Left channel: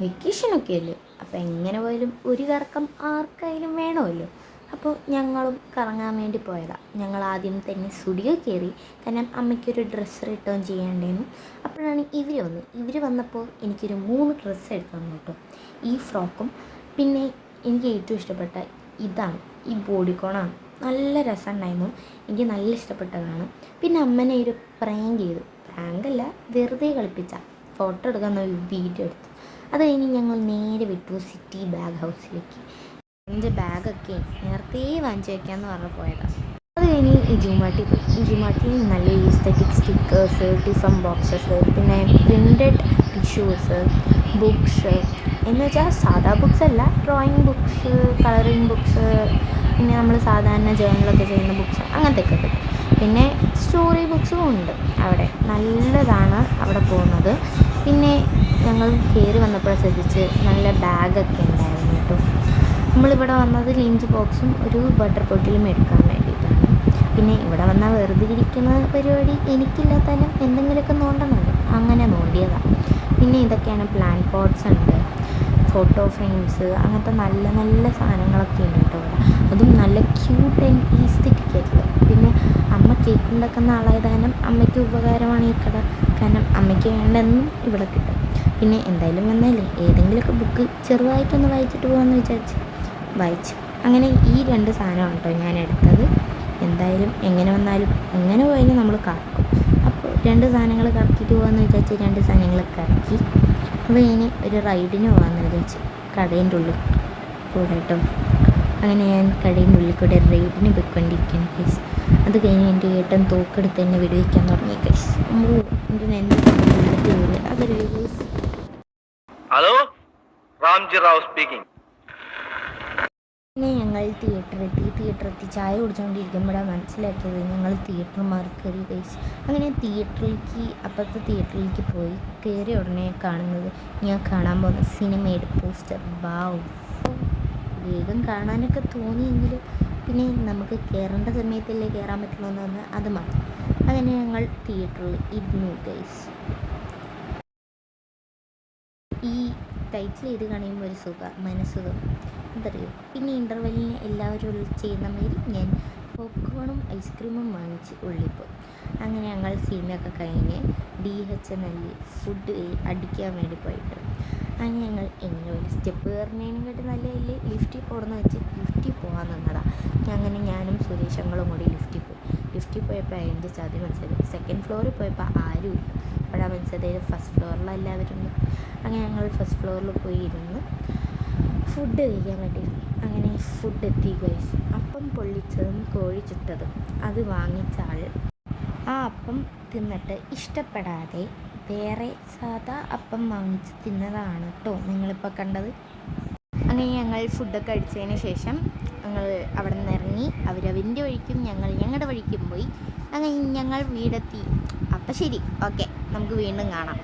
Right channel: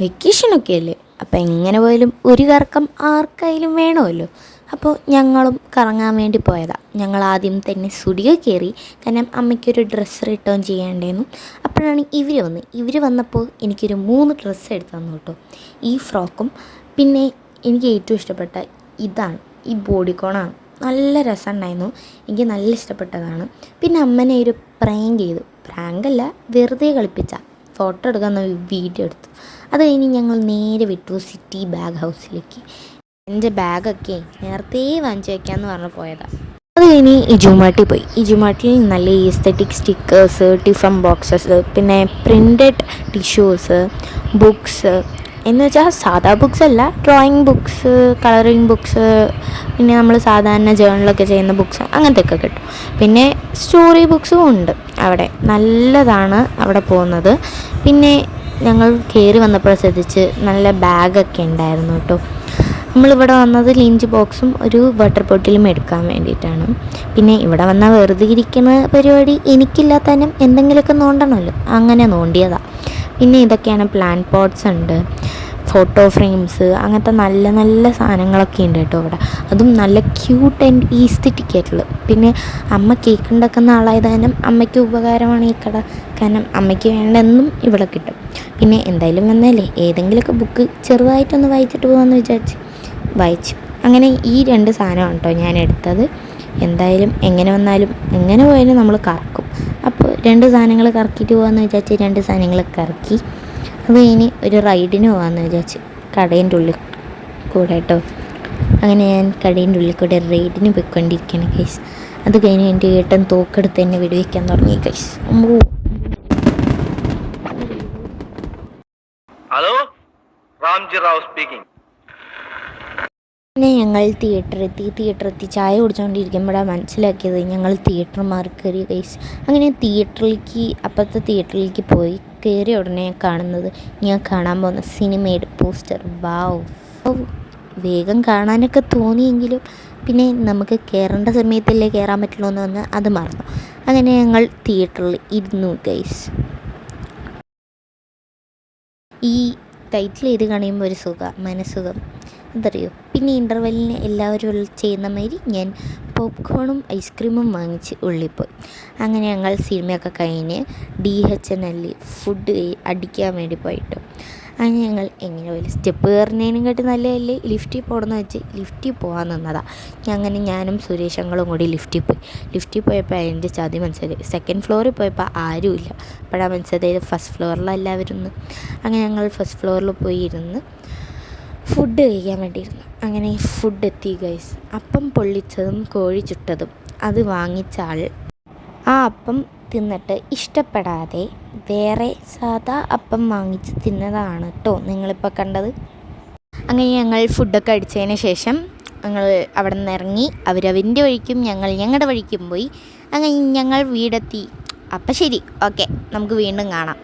വെക്കേഷനൊക്കെ അല്ലേ, അപ്പോൾ എങ്ങനെ പോയാലും ഒരു കറക്കം ആർക്കായാലും വേണമല്ലോ. അപ്പോൾ ഞങ്ങളും കറങ്ങാൻ വേണ്ടി പോയതാണ്. ഞങ്ങൾ ആദ്യം തന്നെ സ്റ്റുഡിയോ കയറി, കാരണം അമ്മയ്ക്കൊരു ഡ്രസ്സ് റിട്ടേൺ ചെയ്യേണ്ടായിരുന്നു. അപ്പോഴാണ് ഇവർ വന്നപ്പോൾ എനിക്കൊരു 3 ഡ്രസ്സ് എടുത്ത് തന്നു കേട്ടോ. ഈ ഫ്രോക്കും പിന്നെ എനിക്ക് ഏറ്റവും ഇഷ്ടപ്പെട്ട ഇതാണ്, ഈ ബോഡിക്കോണാണ്. നല്ല രസമുണ്ടായിരുന്നു, എനിക്ക് നല്ല ഇഷ്ടപ്പെട്ടതാണ്. പിന്നെ അമ്മനെ ഒരു പ്രാങ്ക് ചെയ്തു, പ്രാങ്കല്ല വെറുതെ കളിപ്പിച്ച ഫോട്ടോ എടുക്കാൻ വീഡിയോ എടുത്തു. അത് കഴിഞ്ഞ് ഞങ്ങൾ നേരെ വിട്ടു സിറ്റി ബാഗ് ഹൗസിലേക്ക്. എൻ്റെ ബാഗൊക്കെ നേരത്തെ വാങ്ങിച്ചു വയ്ക്കാമെന്ന് പറഞ്ഞ് പോയതാണ്. അത് കഴിഞ്ഞ് ഇജുമാട്ടിൽ നല്ല ഈസ്തറ്റിക് സ്റ്റിക്കേഴ്സ്, ടിഫൻ ബോക്സസ്, പിന്നെ പ്രിൻ്റഡ് ടിഷ്യൂസ്, ബുക്സ് എന്ന് വെച്ചാൽ സാധാ ബുക്സ് അല്ല, ഡ്രോയിങ് ബുക്സ്, കളറിങ് ബുക്സ്, പിന്നെ നമ്മൾ സാധാരണ ജേർണലൊക്കെ ചെയ്യുന്ന ബുക്സ് അങ്ങനത്തെയൊക്കെ കിട്ടും. പിന്നെ സ്റ്റോറി ബുക്സും ഉണ്ട് അവിടെ, നല്ലതാണ് അവിടെ പോകുന്നത്. പിന്നെ ഞങ്ങൾ കയറി വന്നപ്പോൾ ശ്രദ്ധിച്ച് നല്ല ബാഗൊക്കെ ഉണ്ടായിരുന്നു കേട്ടോ. നമ്മളിവിടെ വന്നത് ലഞ്ച് ബോക്സും ഒരു വാട്ടർ ബോട്ടിലും എടുക്കാൻ വേണ്ടിയിട്ടാണ്. പിന്നെ ഇവിടെ വന്നാൽ വെറുതെ ഇരിക്കുന്ന പരിപാടി എനിക്കില്ലാത്തതിനും എന്തെങ്കിലുമൊക്കെ നോണ്ടണമല്ലോ, അങ്ങനെ നോണ്ടിയതാണ്. പിന്നെ ഇതൊക്കെയാണ് പ്ലാന്റ് പോട്ട്സ് ഉണ്ട്, ഫോട്ടോ ഫ്രെയിംസ്, അങ്ങനത്തെ നല്ല നല്ല സാധനങ്ങളൊക്കെ ഉണ്ട് കേട്ടോ ഇവിടെ. അതും നല്ല ക്യൂട്ട് ആൻഡ് ഈസ്തറ്റിക് ആയിട്ടുള്ളത്. പിന്നെ അമ്മ കേക്ക് ഉണ്ടാക്കുന്ന ആളായത് കാരണം അമ്മയ്ക്ക് ഉപകാരമാണ് ഈ കട, കാരണം അമ്മയ്ക്ക് വേണ്ടെന്നും ഇവിടെ കിട്ടും. പിന്നെ എന്തായാലും വന്നാലേ ഏതെങ്കിലുമൊക്കെ ബുക്ക് ചെറുതായിട്ടൊന്ന് വായിച്ചിട്ട് പോകാമെന്ന് വിചാരിച്ച് വായിച്ചു. അങ്ങനെ ഈ 2 സാധനമാണ് കേട്ടോ ഞാൻ എടുത്തത്. എന്തായാലും എങ്ങനെ വന്നാലും എങ്ങനെ പോയാലും നമ്മൾ കറക്കും. അപ്പോൾ 2 സാധനങ്ങൾ കറക്കിയിട്ട് പോകാമെന്ന് വിചാരിച്ച് 2 സാധനങ്ങൾ കറക്കി. അത് കഴിഞ്ഞ് ഒരു റൈഡിന് പോകാമെന്ന് വിചാരിച്ച് കടേൻ്റെ ഉള്ളിൽ കൂടെ കേട്ടോ. അങ്ങനെ ഞാൻ കടേൻ്റെ ഉള്ളിൽ കൂടെ റൈഡിന് പോയിക്കൊണ്ടിരിക്കുകയാണ് ഗൈസ്. അത് കഴിഞ്ഞ് എൻ്റെ ഏട്ടൻ തോക്കെടുത്ത് എന്നെ വെടിവെക്കാൻ തുടങ്ങി guys. Hello, Ramji Rao speaking. പിന്നെ ഞങ്ങൾ തിയേറ്ററെത്തി ചായ കുടിച്ചുകൊണ്ടിരിക്കുമ്പോഴാണ് മനസ്സിലാക്കിയത് ഞങ്ങൾ തിയേറ്റർ മാറി കയറി ഗൈസ്. അങ്ങനെ അപ്പുറത്തെ തിയേറ്ററിലേക്ക് പോയി കയറിയ ഉടനെ കാണുന്നത് ഞാൻ കാണാൻ പോകുന്ന സിനിമയുടെ പോസ്റ്റർ. വാവ്, വേഗം കാണാനൊക്കെ തോന്നിയെങ്കിലും പിന്നെ നമുക്ക് കയറേണ്ട സമയത്തല്ലേ കയറാൻ പറ്റുള്ളൂ എന്ന് വന്ന് അത് മറന്നു. അങ്ങനെ ഞങ്ങൾ തിയേറ്ററിൽ ഇരുന്നു ഗൈസ്. ഈ ടൈറ്റിൽ ചെയ്ത് കഴിയുമ്പോൾ ഒരു മനസുഖം എന്തറിയോ. പിന്നെ ഇൻ്റർവെല്ലിന് എല്ലാവരും ചെയ്യുന്ന മാതിരി ഞാൻ പോപ്കോണും ഐസ്ക്രീമും വാങ്ങിച്ച് ഉള്ളിപ്പോയി. അങ്ങനെ ഞങ്ങൾ സിനിമയൊക്കെ കഴിഞ്ഞ് DHNL ഫുഡ് അടിക്കാൻ വേണ്ടി പോയിട്ട് അങ്ങനെ ഞങ്ങൾ എങ്ങനെ പോയി സ്റ്റെപ്പ് കയറുന്നതിനെക്കാട്ടി നല്ലതല്ലേ ലിഫ്റ്റിൽ പോകണമെന്ന് വെച്ച് ലിഫ്റ്റിൽ പോകാൻ നിന്നതാണ്. അങ്ങനെ ഞാനും സുരേഷങ്ങളും കൂടി ലിഫ്റ്റിൽ പോയപ്പോൾ അതിൻ്റെ ചതി മനസ്സിലായി. 2nd ഫ്ലോറിൽ പോയപ്പോൾ ആരുമില്ല. അപ്പോഴാണ് മനസ്സിലായത് ഫസ്റ്റ് ഫ്ലോറിലെല്ലാവരും. അങ്ങനെ ഞങ്ങൾ ഫസ്റ്റ് ഫ്ലോറിൽ പോയി ഇരുന്ന് ഫുഡ് കഴിക്കാൻ വേണ്ടിയിരുന്നു. അങ്ങനെ ഫുഡ് എത്തി ഗൈസ്. അപ്പം പൊള്ളിച്ചതും കോഴി ചുട്ടതും അത് വാങ്ങിച്ച ആൾ ആ അപ്പം തിന്നിട്ട് ഇഷ്ടപ്പെടാതെ വേറെ സാധാ അപ്പം വാങ്ങിച്ച് തിന്നതാണ് കേട്ടോ നിങ്ങളിപ്പോൾ കണ്ടത്. അങ്ങനെ ഞങ്ങൾ ഫുഡൊക്കെ അടിച്ചതിന് ശേഷം ഞങ്ങൾ അവിടെ നിന്ന് ഇറങ്ങി. അവരവൻ്റെ വഴിക്കും ഞങ്ങൾ ഞങ്ങളുടെ വഴിക്കും പോയി. അങ്ങനെ ഞങ്ങൾ വീടെത്തി. അപ്പം ശരി, ഓക്കെ, നമുക്ക് വീണ്ടും കാണാം.